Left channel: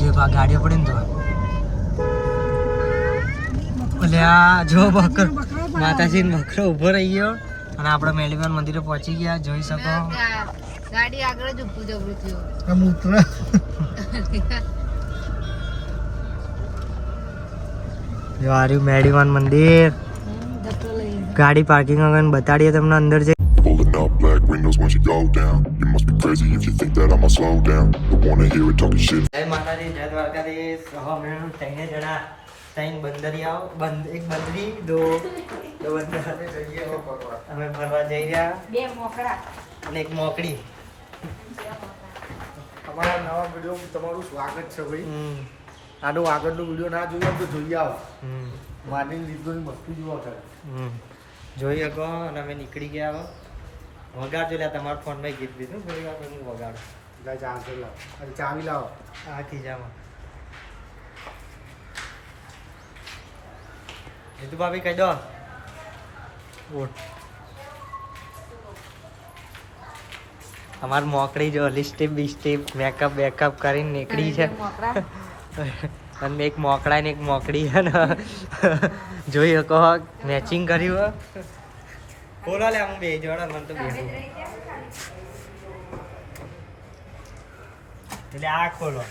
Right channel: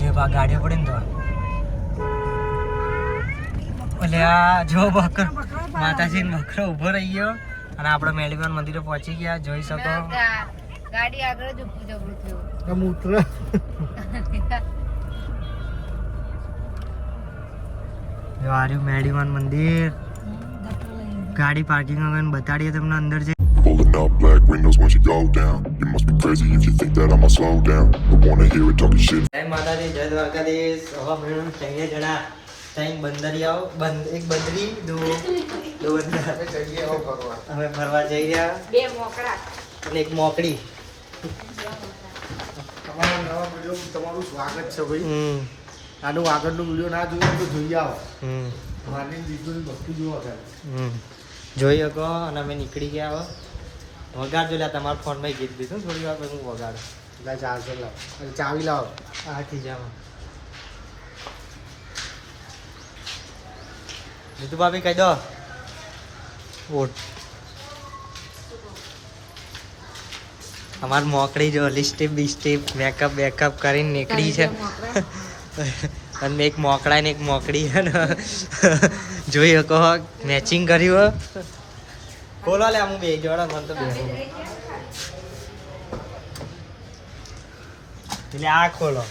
જે ગાડીઓ પડે ને તો એટલે આ જો બકરો માતાજીનો બકરો ઊભો રહી ગયો અને આપણે મેલીમાન મંદિરે પહોંચી ગયા. જોઈ શકો ગાડી આગળ જ ઊભું જબરું થયું. જો આર્યું મેલીમાન મંદિર. ગાડી પાર્કિંગ આગળ બતાડીએ તમને અંદર જે Pulling up black windows once you go down. You must be crazy if you think that I'ma slow down. Don't wanna hear it talking shit. જય માતાજી, જય દ્વારકાધીશ. હવે મેળું થઈને જણા ત્રણ બંદરીયાઓ, એક બંદરી, દો બંદર. અમે ફરવા જઈ રહ્યા. બે મોકળા અને એક મોકડી. તમારા નવા વિડીયો તમારું સ્વાગત છે ભાઈ. આનું આગળનો વિડીયો ના જોયો તો જોઈ આવો. માની દીકરીની વસ્તુ જોવા કરે. જોઈ શકો. અને અમે નીકળી ગયા. હવે વગાડજો. લે તમારા ફોનમાં ગીત દીધું થોડી વાર પછી હું વગાડું. ચાલશે લાવો, ચાવી લાવો. આથી જામાં જીતુ ભાભી કહી દો. વોટ અમાર મોકડી જો લિસ્ટેપ બિસ્ટેપ મેકઅપ બેકઅપ કરીને નીકળી છે. અને એક મોકડા ને એક મોકડી છે ને જોઈ શકો. મેચિંગ કર્યું. બોલો લે હું બે જોડા મને તો બે એટલે આ ખોલો.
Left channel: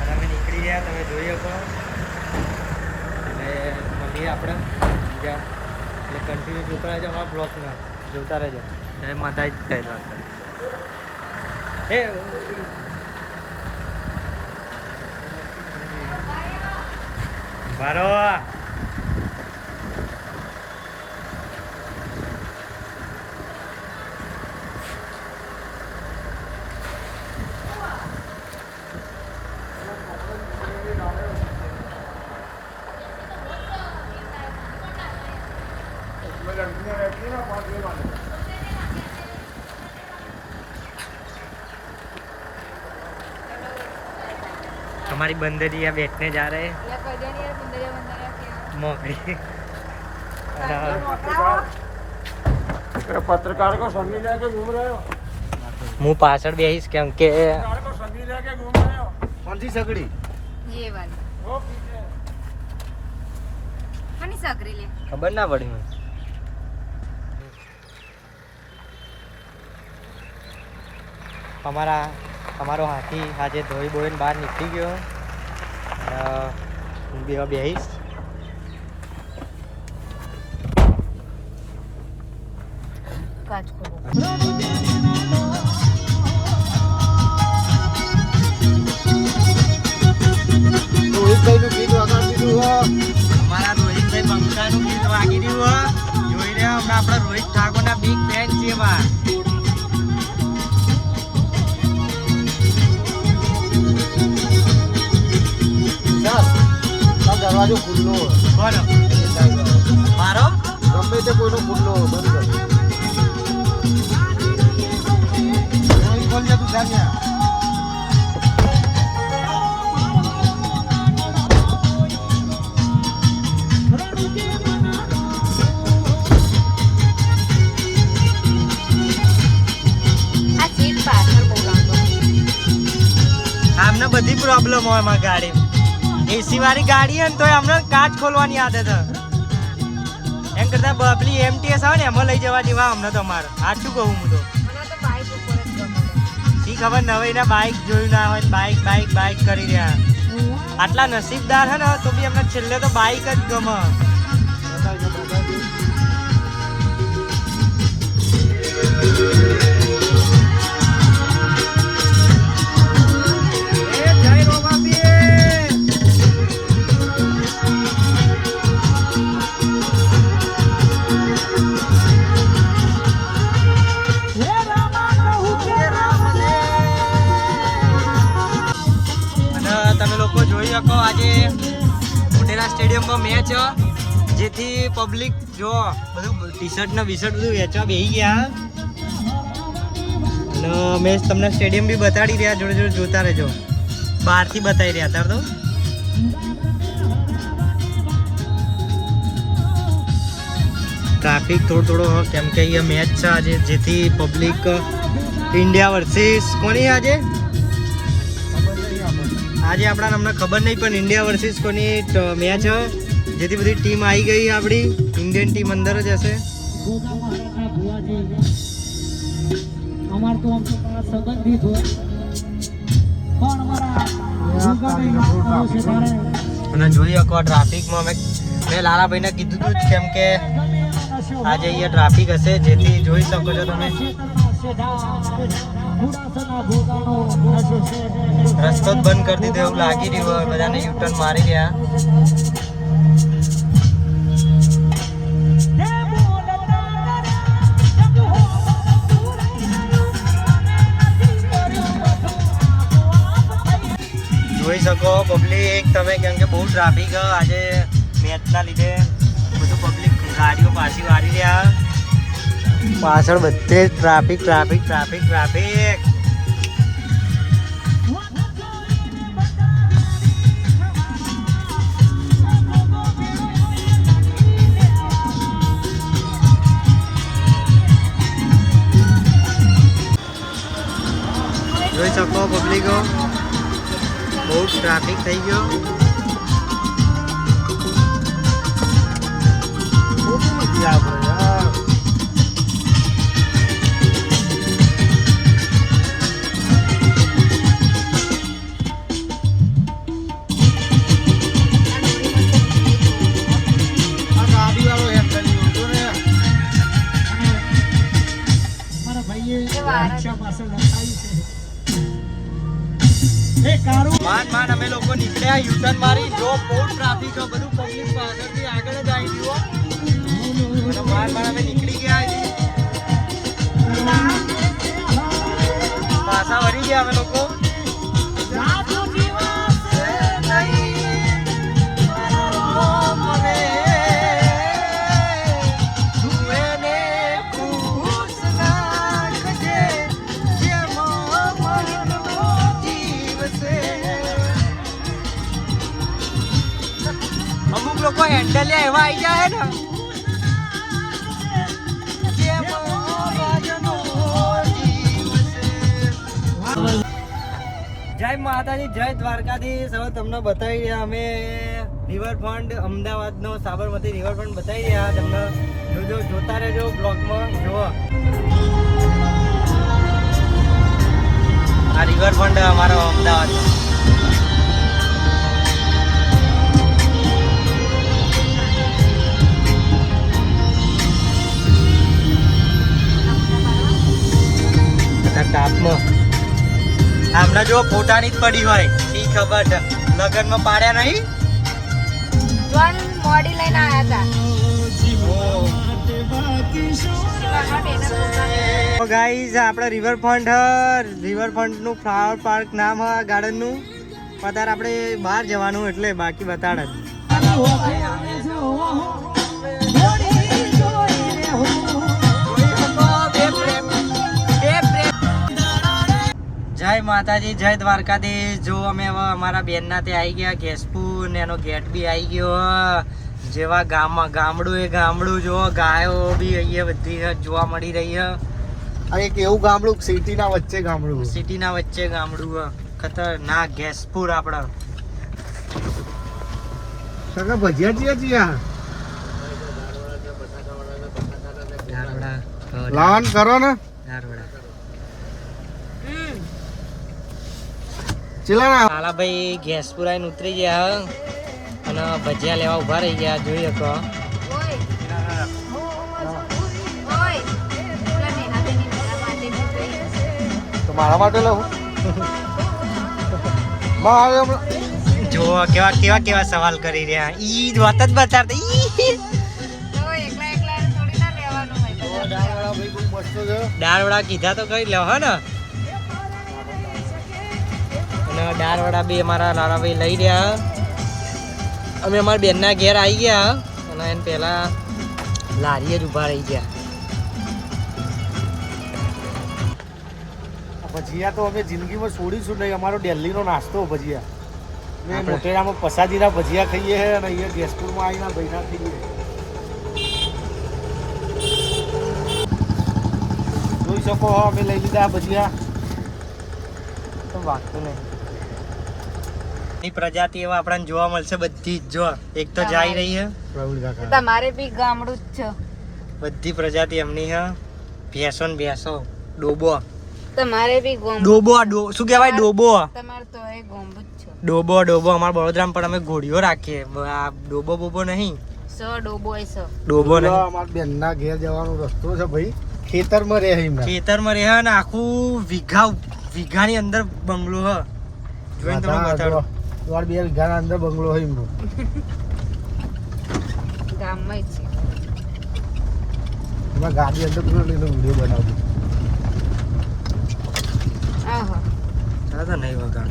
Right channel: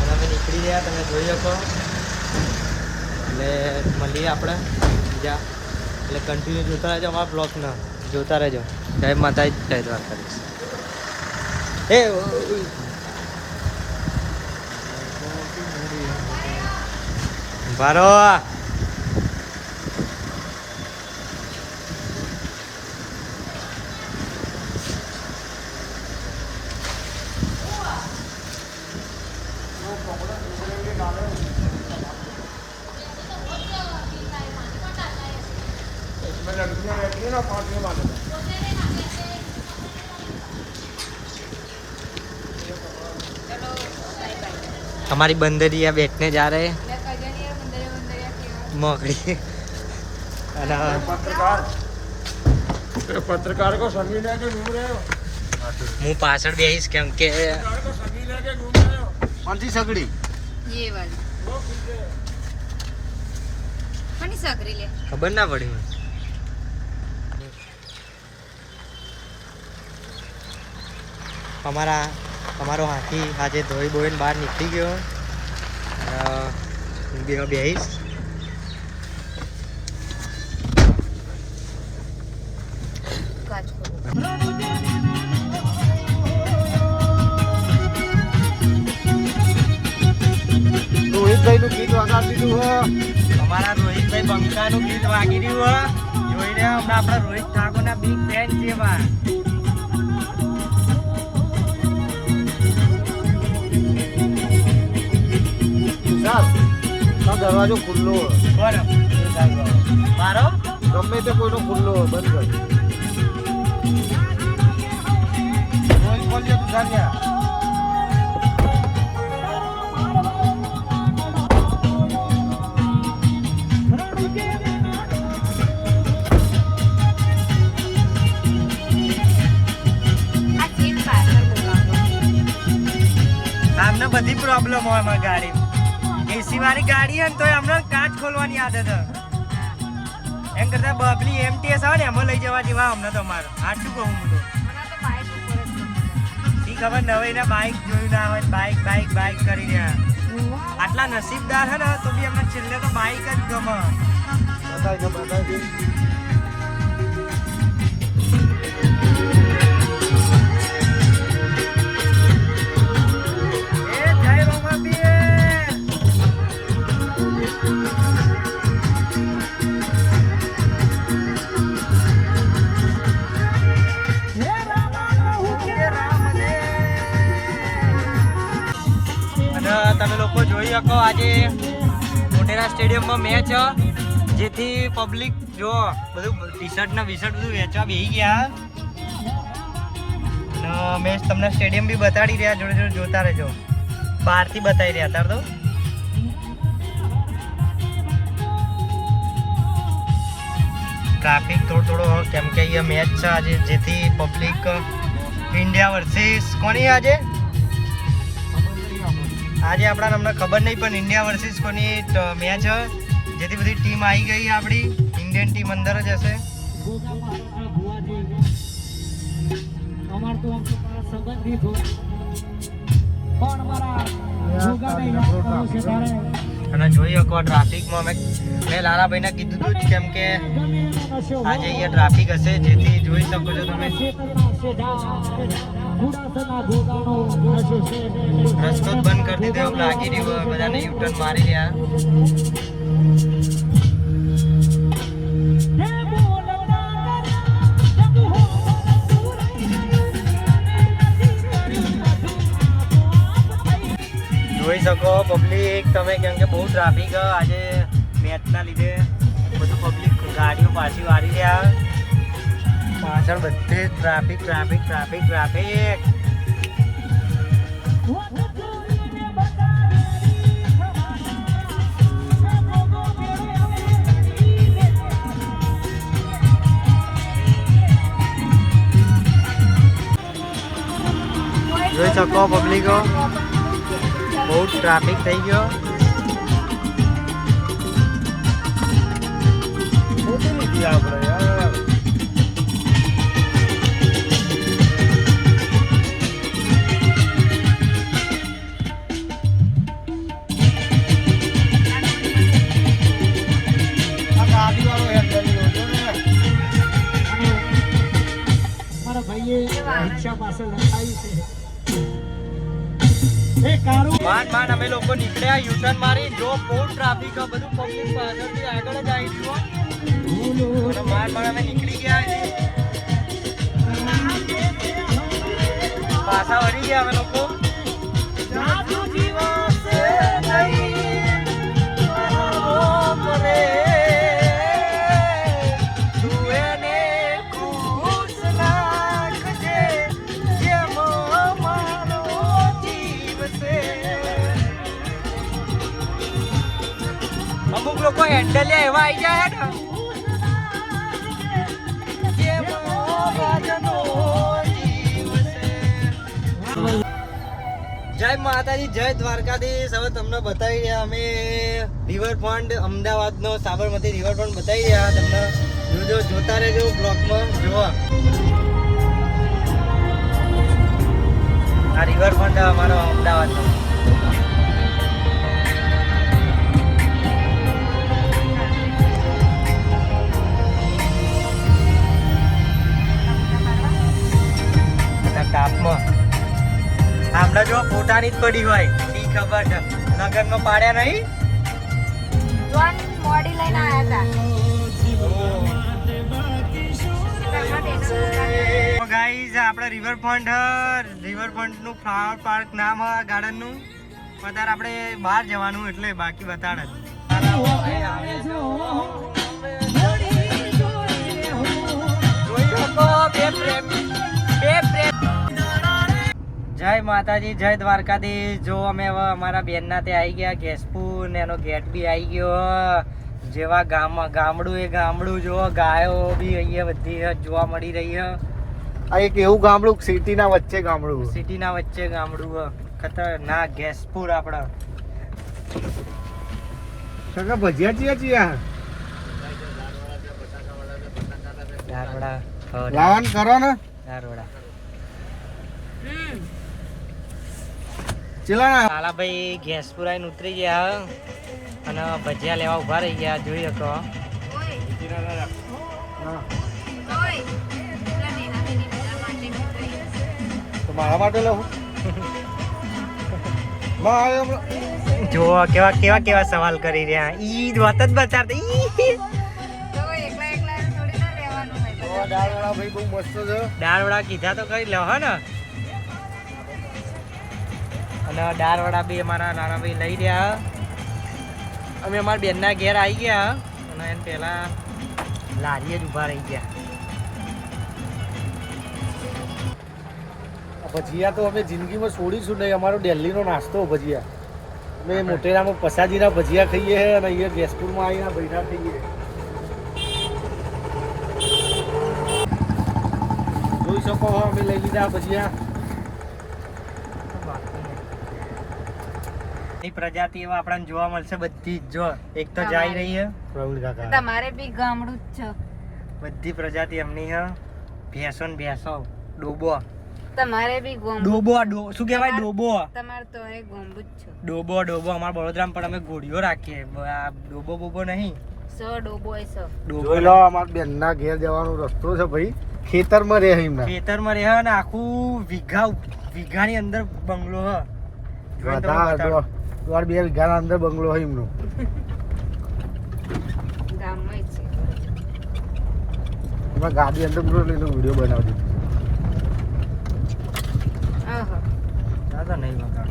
અને અમે નીકળી ગયા. તમે જોઈ શકો. એટલે મળીએ આપણે બીજા. એટલે કન્ટિન્યુ જોતા રહેજો અમારા બ્લોગને. જોતા રહેજો. જય માતાજી, જય દ્વારકાધીશ. ભારો हमारी बंदरिया बैठने जा रहे हैं. मोकड़ी पत्रकार को संगी लेके घूम रहे हो. मुँह पासड़ बेहिस केम के को संगी लेके घूम रहे हो. कौन सी सगड़ी? ये वाली मनी सगरी ले खबर ना पड़ी મને. અમારો હાથી આજે ધોઈ બોઈને બહાર નીકળી ગયો. બેહીશ. અમારા રોહિતભાઈ બંકાનું ગીત વાગી રહ્યું. જોઈ રહ્યા હમણાં આપણા રોહિત ઠાકોરના બિગ ફેન છે. એમાં દરવાજો ખુલ્લો બોલો મારો ગમે તે કોઈનો ખુલ્લો બંધ ખોલ દે તું જાગ્યા. આમને બધી પ્રોબ્લેમ હોય અમારી ગાડી. એસી વાળી ગાડી હોય ને તો હમણાં કાચ ખોલવાની આદત. એમ કરતા બબલી MTS આવે ને એમાં લઈ જવા જેવા હમણાં તો અમારે. સાચું કહું હું તો. શી ખબર નવાઈના બાઇક જોયું ના હોય. બાઇક કરી રહ્યા. આટલા નસીબદાર છે ને તો બી એમને છેલ્લે તો બાઇક જ ગમે. તમે લોકો જોઈ શકો આજે મોટેરા સ્ટેડિયમમાં મેચ જેથી પબ્લિક જો બધું ટી-શર્ટ ને બીશર્ટ બધું વેચવા બેસી ગયા. અને મેચ તમને સ્ટેડિયમ બી બતાડી રહ્યા. જોડે જોતા રહેજો. બહારથી બતાવી રહ્યા હતા તો ટ્રાફિક થોડો કેમ કે અહીંયા મેચ છે આજે જેથી પબ્લિક ઇન્ડિયા વર્સિસ કોની આજે આજે આપણા અમને ખબર નહીં પણ ઇન્ડિયા વર્સિસ કોની મેચ જેથી બધી ટીમ આવી ગઈ આપણી ઇન્ડિયન ટીમ અંદર જ હશે. અને જોઈ શકો ટ્રાફિકમાં મેં લાલાભાઈને કીધું હતું જ કેમ કે આજે અહીંયા ટ્રાફિક હશે જેથી જોઈ શકો છો તમે રસ્તો જ બંધ કરી દીધો એવું લાગી રહ્યું બધાને યુટર્ન મારી રહ્યા. જોઈ શકો પબ્લિક તમે કેમ કે બહુ ટ્રાફિક આજે મેચના લીધે બધું પબ્લિક ગાડીઓ પાછી વાળી રહ્યા. પાછળ બધે ટ્રાફિક ટ્રાફિક ટ્રાફિક ટ્રાફિક. જોઈ શકો પબ્લિકો બહુ ટ્રાફિક થઈ ગયો. માંડ અમે લોકો નીકળ્યા યુટર્ન મારી જો બહુ ટ્રાફિક બધું પબ્લિક પાછળથી આગળ જ આવી ગયું અને માંડ અમે નીકળી ગયા પાછા વળી ગયા અમે લોકો. અમુક લોકો હેન્ડલ એવા આવી જાય ને જય માતાજી જય દ્વારકાધીશ. હવે તમને બતાવી રહ્યા અમે રિવરફ્રન્ટ અમદાવાદનો સાબરમતી રિવરફ્રન્ટ બતાવી રહ્યા તમને. જોજો જોતા રહેજો બ્લોગમાં જોવા. આ રિવરફ્રન્ટ અમારો અમદાવાદનો. હમણાં જો ફોટાની જ પડી હોય ઈ ખબર છે લગનમાં પાડ્યા નહીં. મોડી લઈને આવ્યા હતા. ગાઈઝ આપણે રિવરફ્રન્ટ નું ફ્લાવર પાર્ક નામ હ ગાર્ડન નું. અત્યારે આપણે બહાર જવાનું એટલે બાકી બતાડ જ. જય માતાજી જય દ્વારકાધીશ. જો અમે હવે અમારા બેનના ત્યાં આવી ગયા ગેસપુર ને એનો ગેટ બી આવી ગયો. જેવા ગામડું એ ગામડું જો ગાયો બી અહીંયા બધી જોવા મળી રહી છે. આ એક એવું ગામડું સિટીના વચ્ચે ગામડું ખતરનાક ગેસપુર આપણા. સગા ભજીયા ચિયા દારવડા લાવન કરો ને દારવડા. લાલાભાઈ ગેસપુર આવીને ઉતરી ગયા અને ભજીયા લેવા ઉભા રહી ગયા. જોઈ શકો તો મારા માટે લઉં. જો કેવા કેવા કેવા સવાલ કરી રહ્યા. ઈ વાત જ બતાડતા દાળવડા કીધા તો કરી લેવા હા ને. અને દાળવડા બી અમારા લાલાભાઈ લઈ રહ્યા. અમે અમારા બેનના ઘેર આવી ગયા અને એને પહેલા લારીએ જ ઊભા રહી ગયા. ભજીયા તો અમે જિંદગીમાં છોડીશું નહીં. અમારો દિલ્હીનો નાસ્તો ભજીયા. અમે મોટેરામાં પસાજીના ભજીયા ખાઈએ અને અહીંયા ગેસપુરમાં આવીને ભૈરા ખાઈએ. જોઈ શકો અમે લઈ લીધા ભજીયા. તો વાગતું નહીં. ની પ્રજાતિ એવા આપણને જોવા મળશે બધી જ. જો એક તો જઈ રહી છે, તમારે બી ગામડું જ છે. બધી પ્રજાતિ એમની છે. ભેંસો ને ભેંસો, ડોબો, તમારે બી ગોમ ડોબો શું કહેવાય? ડોબો, તમારે તો એ ગોમડું જ છે. ડોબો, ડોબો. અમારા વડોદરામાં પણ અમે ઘોડીઓ રાખીએ. આ ડોબો બોબો નહીં, ડોબો એ સો. ડોબો નહીં. અમારા બેનના ઘેર જવાનો રસ્તો છે ભાઈ, ખેતરમાં રહે એમને. ખેતરમાં રહે ને આખું વીઘાની અંદર બંગલો હ. જોઈને તમને બતાડો. 2 વીઘાના અંદર બંગલો હોય એમનો. ગામમાં જ છે. એમાં ગાડી અંદર પેલો વિડીયો બનાવ્યો. આહા. દાદા નહીં વગાડ.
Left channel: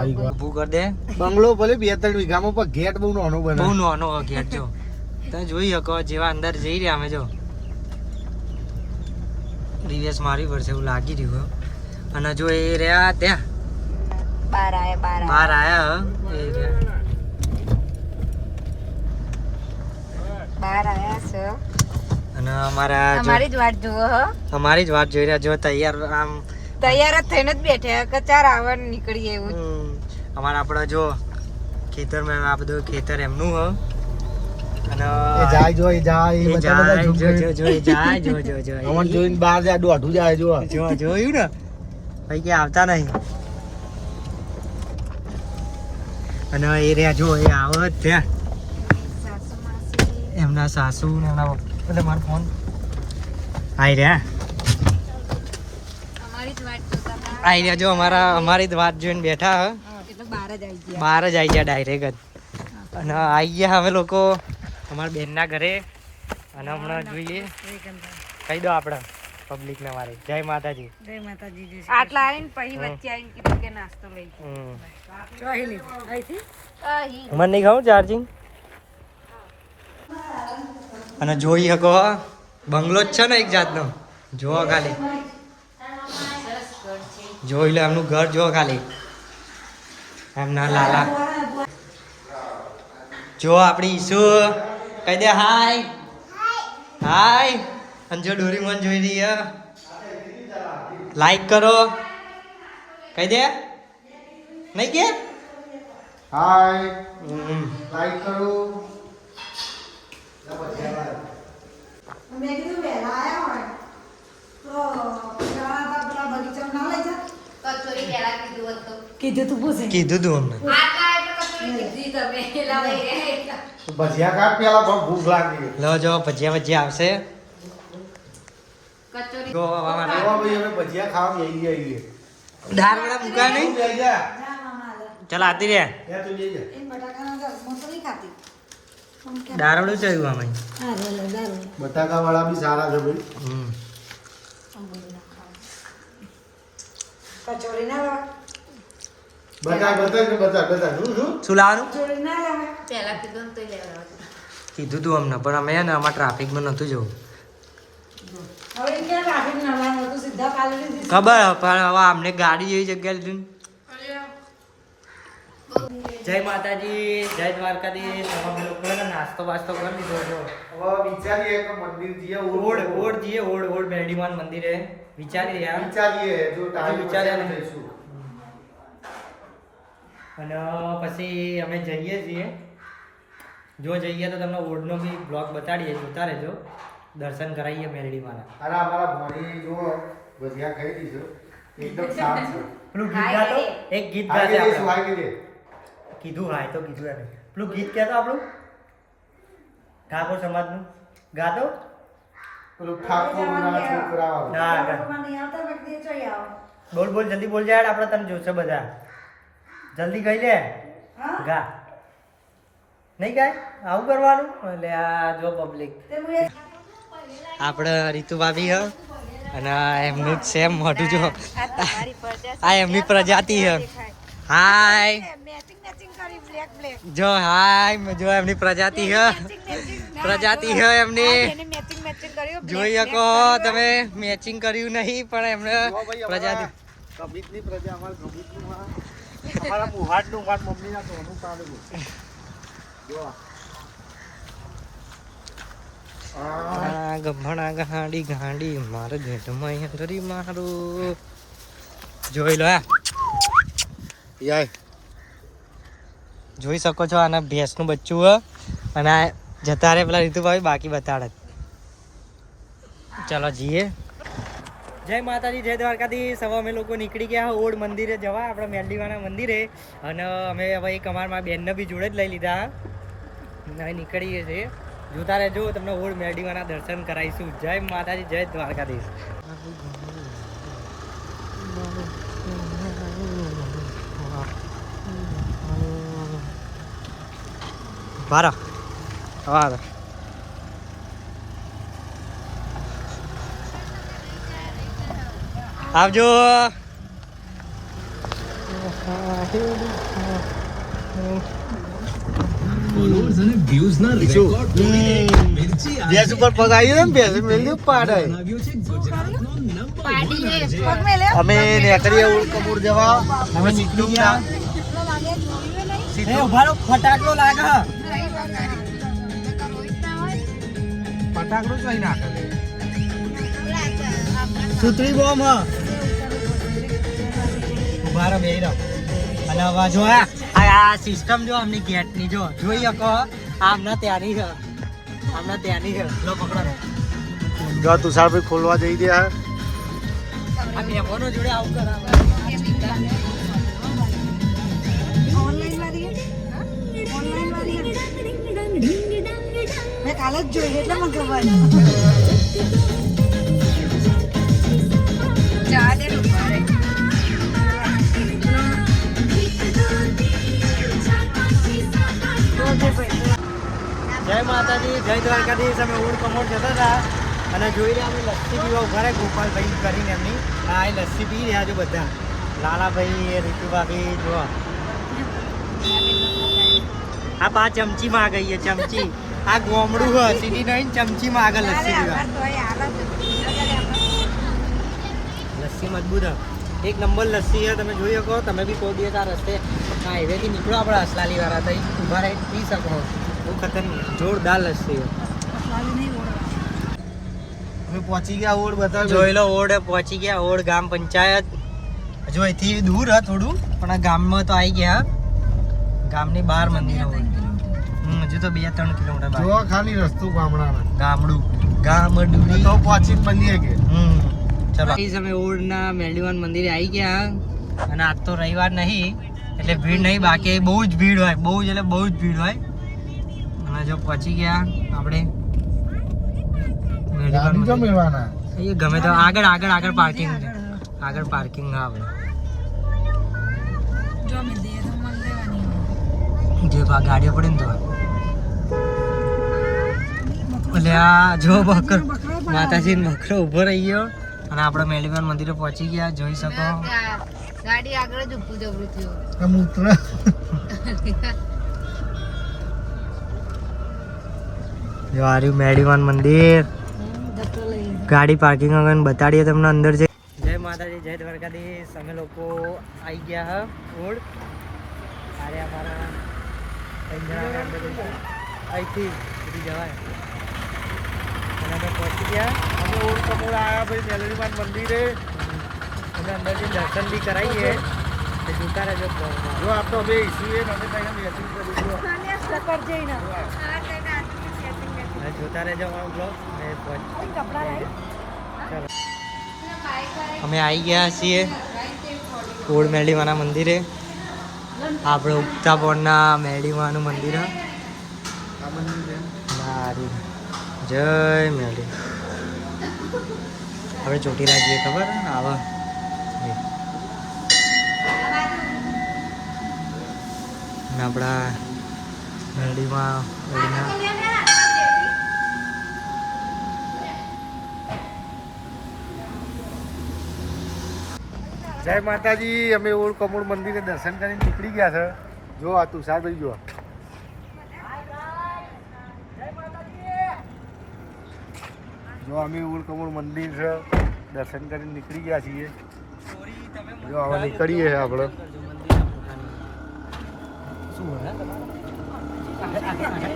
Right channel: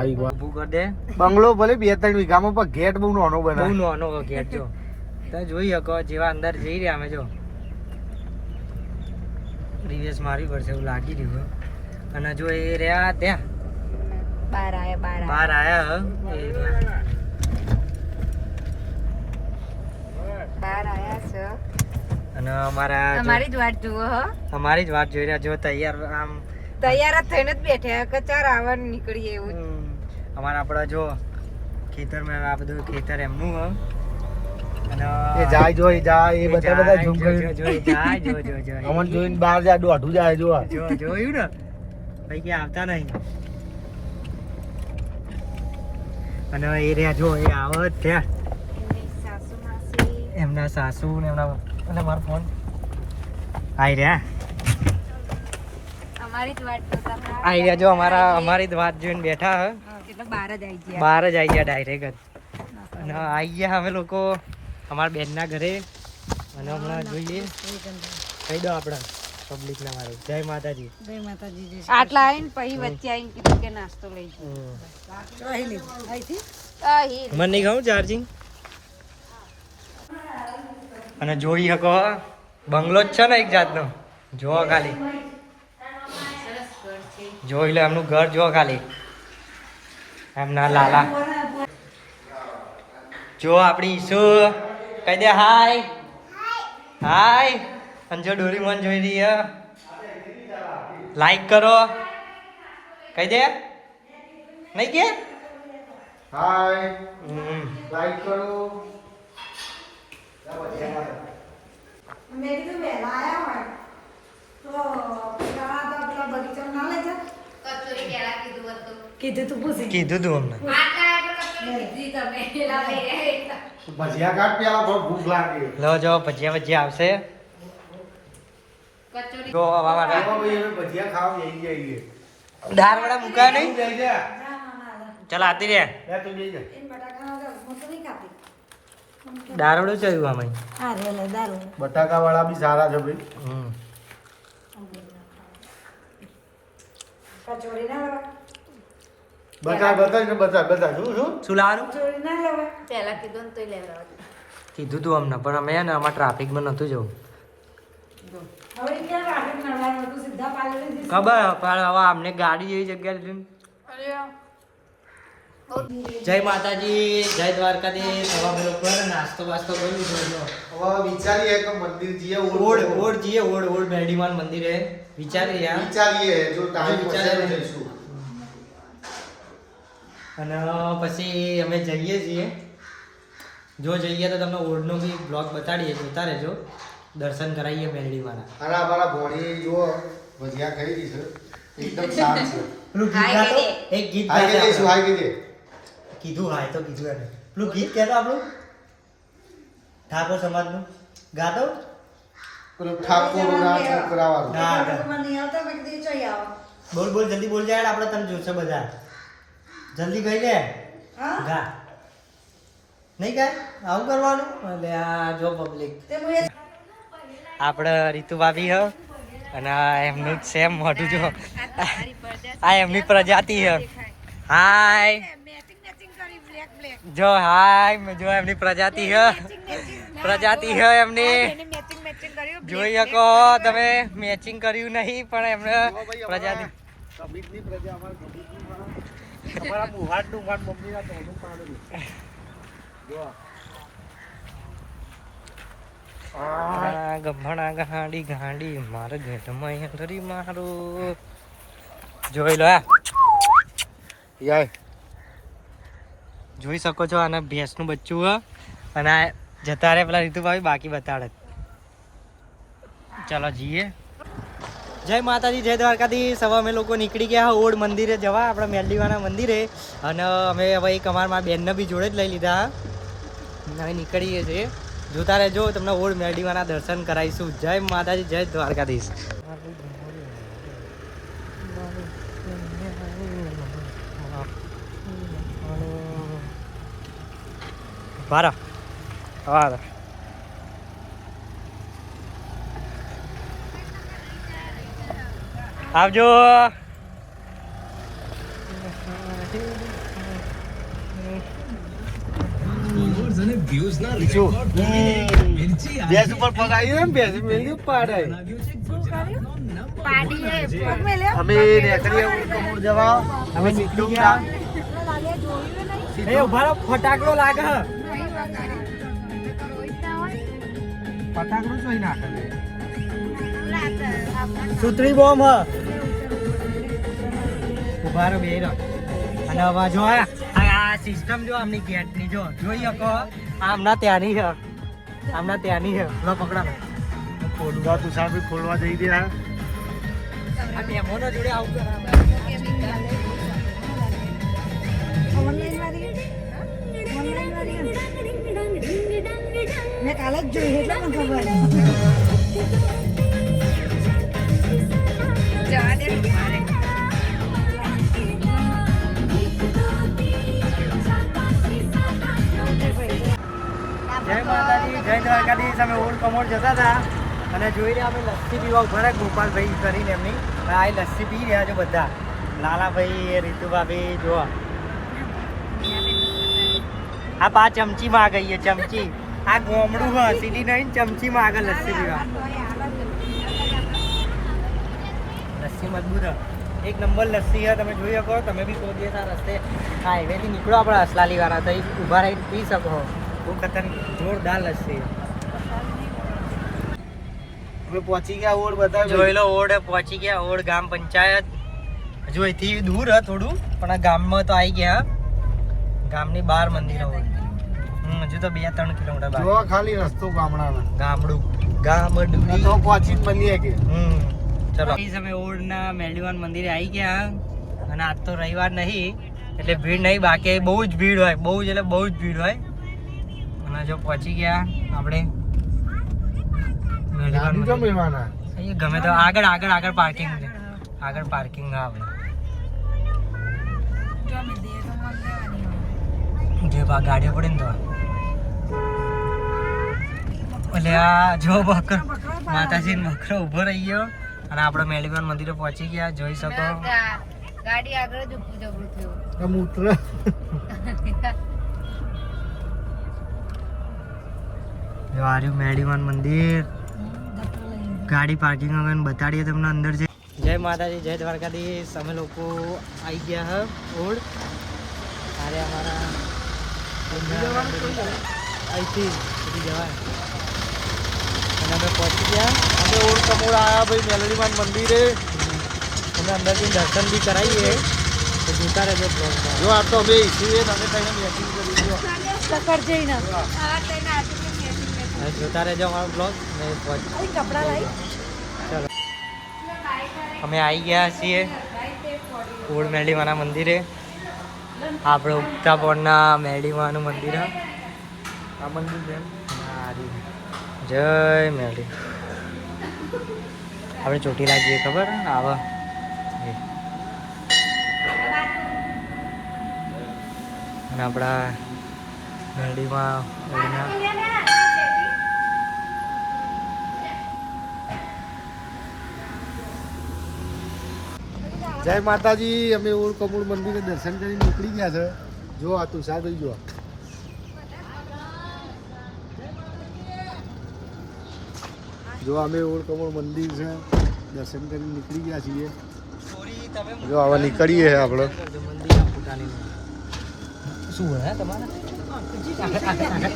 ઊભું કરી દે. બંગલો ભલે 2-3 વીઘામાં પણ ગેટ બહુ નાનો બહુ બનાવ્યો. નાનો ઘેર. જો તમે જોઈ શકો જેવા અંદર જઈ રહ્યા અમે. જો રિવેસ મારવી પડશે એવું લાગી રહ્યું. અને જો એ રહ્યા ત્યાં બહાર આયા એ રહ્યા. અને અમારી જ વાટ જોવો હો. અમારી જ વાત જોઈ રહ્યા. જો તૈયાર આમ તૈયાર જ થઈને જ બેઠા કે ચાર આવવાનું નીકળીએ એવું. અમારા આપણે જો ખેતરમાં આ બધું ખેતર એમનું હ. અને એ જાય જો એ જાય એ એ બધા જાય ઝૂમ જો કરી. જો જો એ જાય જો જો જો અમન જોઈને બહાર જાય, દોઢું જાય જો. જો જોયું ને ભાઈ કે આવતા નહીં. અને એ રહ્યા જો એ આવે જ ત્યાં. સાસુ માસી એમના સાસુ ને એમના એટલે મારો ફોન આઈ રહ્યા. અમારી જ વાટ જોતા હતા. આઈ રહ્યા જો અમારી જ વાત જોઈને બેઠા હ. એટલે બહાર જ આવી ગયા. બહાર જ આવી ગયા ડાયરેક્ટ જ. અને આવી ગયા અમે લોકો અમારા બેનના ઘરે. અને હમણાં જોઈએ કહી દો આપણે પબ્લિક ને મારી જય માતાજી. જય માતાજી. આટલા આવીને પછી વચ્ચે આવીને કીધું કે નાસ્તો લઈ જાઓ. મને નહીં ખાવું ચાર્જિંગ. અને જોઈ શકો બંગલો જ છે ને એક જાતનો. જો ખાલી જોઈ લે એમનું ઘર. જો ખાલી એમના લાલા. જો આપણી ઈસુ કહી દે હાય હાય. અને જો ડોરીમોન જોઈ રહી હે. લાઈક કરો કહી દે. નહીં કે હાય લાઈક કરો. કીધું તું અમને. ભજીયા કાઢ પેલા બહુ ભૂખ લાગી. લો જો ભજીયા ભજીયા આવશે. કચોરી જો આવા માટે આવો ભાઈ અમે ભજીયા ખાવા આવી જઈએ. દાળ વડા મૂકા નહીં. લઈ જા. ચાલ આતી રે. લે તું લઈ જા. દારવડું ચડ્યું આમાં. બટાકા વાળા બી સારા છે ભાઈ. બતા શું લાવવાનું પહેલા કીધું ને તોય લેવા. કીધું તું અમને પણ અમે ને અમારે ટ્રાફિકમાં નહોતું જવું. ખબર પણ હવે અમને ગાડી જેવી જગ્યા લીધી ને. જય માતાજી જય દ્વારકાધીશ. હવે અમે લોકો નાસ્તો બાસ્તો કરી લીધો. જો હવે વિચારીએ કે મંદિર જઈએ. ઓડ જઈએ. ઓડ મેરડીમાન મંદિરે વિચારી રહ્યા. વિચારીએ જો ટાઈમ વિચારીએ. વિચારે જઈશું. અને પછી અમે જઈએ છીએ. જો જઈએ તો તમને ઓડનો બી બ્લોગ બતાડીએ. જોતા રહેજો. દર્શન કરાવીએ મેરડીમાના. અને અમારા ભોણી જો ભજીયા ખાઈ દીધું એકદમ શાંત છે. પેલું ગીત ગાતો એક ગીત હાઈ ગાતે કે શું આપણે. હાઈ કીધે કીધું હાય તો કીધું એને. પેલું ગીત કહેતો આપણું ઠાકોર સમાજનું ગાતો. પેલું ઠાકોરના છોકરાવાળું. હા ગા. બોલ જલ્દી બોલ જાય આપણે તને જોશે બધા. જલ્દી ગઈ લે ગા. નહીં ગાય આવું કરવાનું. એટલે આ જો પબ્લિક આપણે રીતુ ભાભી હ. અને આ એમનું જ સેમ મોઢું જો. આ એમની પ્રજાતિ હ. હાય જો હાય જો એમની પ્રજાતિ હ. પ્રજાતિ હ એમની. જોઈ શકો તમે મેચિંગ કર્યું નહીં પણ એમને પ્રજાતિ. કબીરની પ્રજા અમારા કબીરની અમારા મુહાટનું મારા મમ્મીના તો ઓનું પાડેલું જો ગભણા ગાંડી ગાંડી મારે ઘેટમાં અંદરી મારું જોઈ લો યાય જોઈ શકો છો આના ભેંસનું બચ્ચું હ અને આ જતા રહે પેલા રીતુભાઈ બાકી બતાડે ચાલો જઈએ જય માતાજી જય દ્વારકાધીશ હવે અમે લોકો નીકળી ગયા ઓડ મંદિરે જવા આપણે મેરડીવાના મંદિરે અને અમે હવે એક અમારા બેનને બી જોડે જ લઈ લીધા હવે નીકળીએ છીએ જોતા રહેજો તમને ઓડ મેરડીવાના દર્શન કરાવીશું જય માતાજી જય દ્વારકાધીશ બારા હા આવજો ગેસ ઉપર પગ આવી ને ભેંસ મેલી પાડે અમે નીકળીએ ઉડકમુડ જવા અમે નીકળી ગયા એ ઉભા રહો ફટાકડો લાગે ફટાકડો કઈ નાખે સુતરી બોમ્બ હ ઉભા રહો બેહી રહો અને હવે જો આ સિસ્ટમ જો આમની ગેટની જો જોઈ શકો આમના ત્યાંની છે આમના ત્યાંની છે લો પકડો જો તુષારભાઈ ખોલવા જઈ રહ્યા આ બેમોનો જોડે આવું કરે મેં કાલે જ જોઈ એટલે મને ખબર જવા દે જય માતાજી જય દ્વારકાધીશ અમે ઓડ કમોડ જતા હતા અને જોઈ રહ્યા અમે લસ્સી પીવા ઉભા રહ્યા ગોપાલભાઈ કરીને એમની અને આ લસ્સી પી રહ્યા છો બધા નાનાભાઈ રીતુભાઈ જોવા આ 5 ચમચી માં ગઈ ચમચી આ ગોમડું હ સીધી નહીં ચમચી માં આગળ લસ્સી પીવા લસ્સી મજબૂત હ એક નંબર લસ્સી છે તમે જોઈ શકો તમે બી કોઈ દિવસ આ રસ્તે આ હાઈવેથી નીકળો આપણે અસલાલી વાળા તો ઊભા રહીને પી શકો બહુ ખતરનાક જોરદાર લસ્સી છે અમે પહોંચી ગયા ઓડ બધા જોઈ લો ઓડ પહોંચી ગયા ઓડ ગામ પંચાયત હજુ અહીંથી દૂર હ થોડું પણ આ ગામમાં તો આવી ગયા ગામની બહાર મંદિર હોય હજુ તો 2-3 કિલોમીટર જો બાકી ખાલી રસ્તો ગામડાનો ગામડું ગામડું તો પહોંચીને બનીએ કે ચલો અમે ઓડના મેરડીવાન મંદિરે આવી ગયા અને આજ તો રવિવાર નહીં એટલે ભીડ નહીં બાકી બહુ જ ભીડ હોય બહુ જ એટલે બહુ જ ભીડ હોય અને જો પહોંચી ગયા આપણે મેરડીવાન જો મંદિર મેળવાના એ ગમે તો આગળ પાર્કિંગ છે આગળ પાર્કિંગ હા આપણે જે ગાડીઓ પડે ને તો એટલે આ જો બકરો માતાજી બકરો ઉભો રહી ગયો અને આપણે મેરડીવાન મંદિરે પહોંચી ગયા જોઈ શકો ગાડી આગળ જ ઉભું જબરું થયું મૂત્ર જો આ રહ્યું મેરડીવાન મંદિર ગાડી પાર્કિંગ વગર બતાડીએ તમને અંદર જઈ જય માતાજી જય દ્વારકાધીશ અમે લોકો આવી ગયા હ ઓડ અરે અમારા અહીંથી સુધી જવાય અને અમે પહોંચી ગયા અમે ઓડ કમોડ આવ્યા ભાઈ મેલડીમાન મંદિરે અમે અંદરથી દર્શન બી કરાવીએ તો જોતા રહેજો બ્લોગમાં જો આ તો અમે છીએ તમે કઈને મેચિંગ કરી દો અને જોતા રહેજો અમારો બ્લોગ અને ચલો અમે આવી ગયા છીએ ઓડ મેરડીવાના મંદિરે આપણે ઉગતા પોળના મેરડીવાનું મંદિર આ મંદિર સારું જય મેરડી આપણે ચોટીલા જઈએ ખબર આવા અને આપણા મેરડીમાં ઓળના જય માતાજી અમે ઓડ કમોડ મંદિરે દર્શન કરીને નીકળી ગયા છે જો આ તુષારભાઈ જો જો અમે ઓડ કમોડ મંદિર છે દર્શન કરીને નીકળી ગયા છીએ જો હવે નીકળીએ આપણે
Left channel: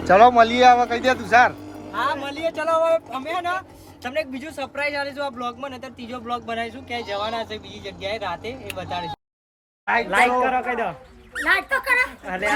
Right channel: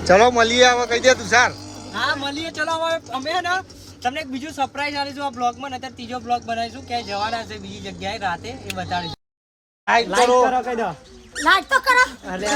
ચલો મળીએ હવે કહી દે તુષાર હા મળીએ. ચલો હવે અમે હે ને તમને એક બીજું સરપ્રાઈઝ આલીશું આ બ્લોગમાં. નતર ત્રીજો બ્લોગ બનાવીશું ક્યાંય જવાના છે બીજી જગ્યાએ રાતે, એ બતાડીશું. લાઈક કરો કહી દો. લાઈક તો કરો. અરે